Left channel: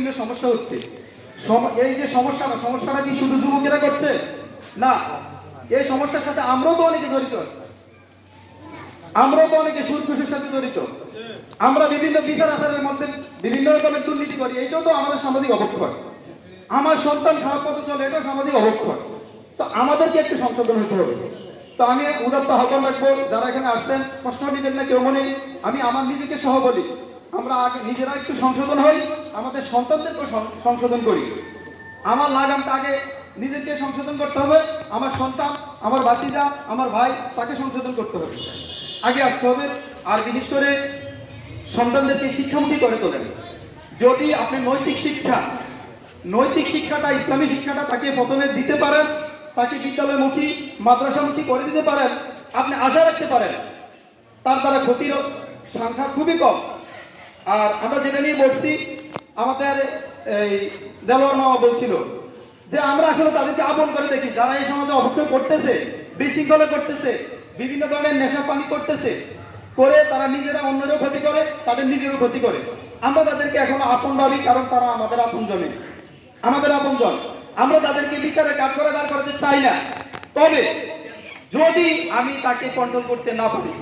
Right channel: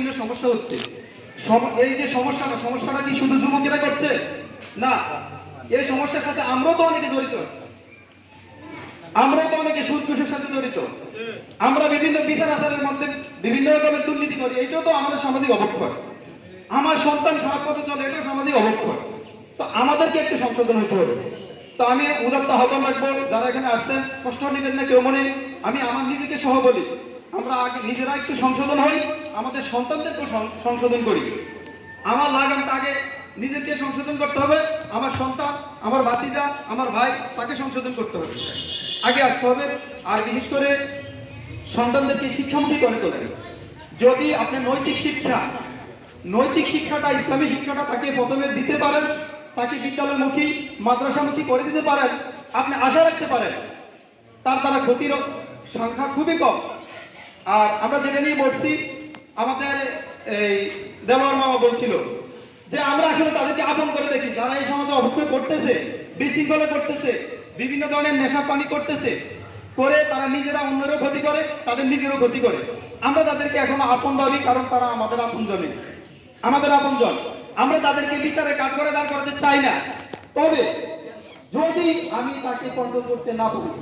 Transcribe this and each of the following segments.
বিভিন্ন সমস্যা হচ্ছে। এই যে সমস্যাটা কি শুধু যুবকেরা করছে না, এই সমস্যার সাথে আমরাও তো অনেকে জড়িত আছি, আমরাও তো অনেকে সুদ ঘুষের সাথে জড়িত, আমরা বিভিন্ন বিচার আচারের মধ্যে বিভিন্ন রকমের দুর্নীতি করি, এটাও তো আমাদের সামাজিক অবক্ষয়। আমার সন্তান খারাপ পথে চলে, এটাও সামাজিক অবক্ষয়। তো আমাদেরকে একটু সংশোধন হতে হবে। তো আমি উদাত্ত আহ্বান রাখবো, যারা এখানে আসছেন কষ্ট নেবেন না কেউ মনে। আমি আমার নিজেকে সহ বলি, আমরা আগে নিজেরা একটু সংশোধন হই, আমাদের সন্তানদেরকেও সংশোধন করি। আমার লাগামটা আগে নিজেকে সংশোধন করতে হবে, আমার সন্তান, আমার ভাতিজা, আমার ভাই, তাকে সংশোধন করতে হবে, আগে আসতে হবে। আর বিশেষ করে সন্তানদেরকে শিক্ষামুখী করে তোলেন। যদি আপনি নৈতিক শিক্ষাটা, ইসলামী শিক্ষাটা তাকে প্রথমে দিতে পারেন, তাকে বিদ্যালয়মুখী মাদ্রাসামুখী করে দিতে পারেন, আপনি আশা রাখতে পারেন তার দ্বারা ক্ষতির সংখ্যা খুবই কম। আর আমরা যেটা নিয়ে বলছি, আমাদের এই দেওয়ার মামা বলছিল যে আমরা আসলে তাদেরকে আপন করে দেখি, যারা এই সমাজে অবক্ষয় করতেছে, বিশৃঙ্খলা করতেছে, বিভিন্ন ধরনের নেশা পানি করতেছে, করে তারা নিজেরা অন্যেরও ক্ষতি করে, তাদের নিজেরও ক্ষতি করে। আমরা তাদেরকে এখনো আপন ভাবি, কারণ তারা আমাদের আপনজনই, আমাদের আপনজন। আমরা তাদেরকে বিচারে কাজ করে দাঁড় করাতে চাই না। তবে যদি আমি তাকে কন্ট্রোল করতে না পারি,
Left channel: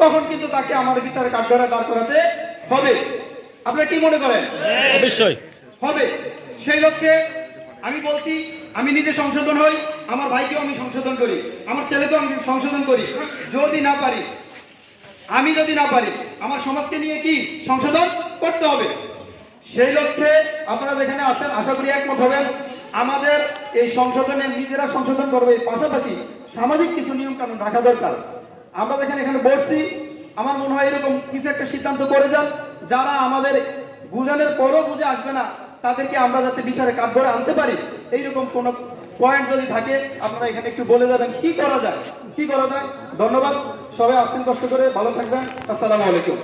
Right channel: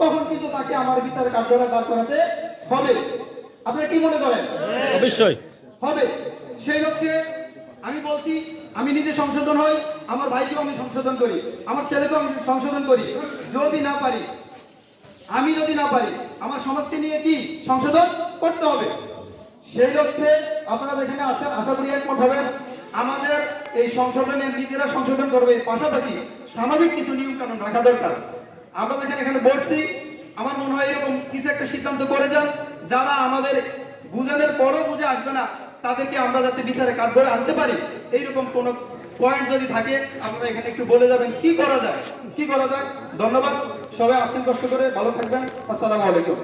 তখন কিন্তু তাকে আমাদের বিচারে কাজ করে দাঁড় করাতে হবে। আপনারা কি মনে করেন? অবশ্যই হবে। সেই লক্ষ্যে আমি বলছি, আমি নিজে সংশোধন হই, আমার ভাইকেও আমি সংশোধন করি, আমার ছেলেকেও আমি সংশোধন করি। যদি না পারি, আমার সমাজকে নিয়ে কি সংশোধন করতে হবে। সেই লক্ষ্যে আপনারা যেখানে আছেন, আশা করি একমত হবেন। আমাদের এই সংশোধনে নিজেরা সংশোধন করবে, পাশাপাশি সামাজিক কিছু নিয়ম কানুন রাখা দরকার। আমরা যেখানে এখানে বলছি, আমার মনে হয় এরকম কিছু একটা সিদ্ধান্ত করে যান, যারা আমাদের বুঝানোর পরও বুঝে আসবে না, তাদেরকে আমরা যাতে বিচারে কাঠ ধরে আনতে পারি। এইরকম কোন পয়েন্ট যদি থাকে, আপনারা এখানে একটু বলে যাবেন কি করা যায়। ধন্যবাদ। সবাই আসেন, কষ্ট করে, ভালো থাকবেন। আসসালামু আলাইকুম।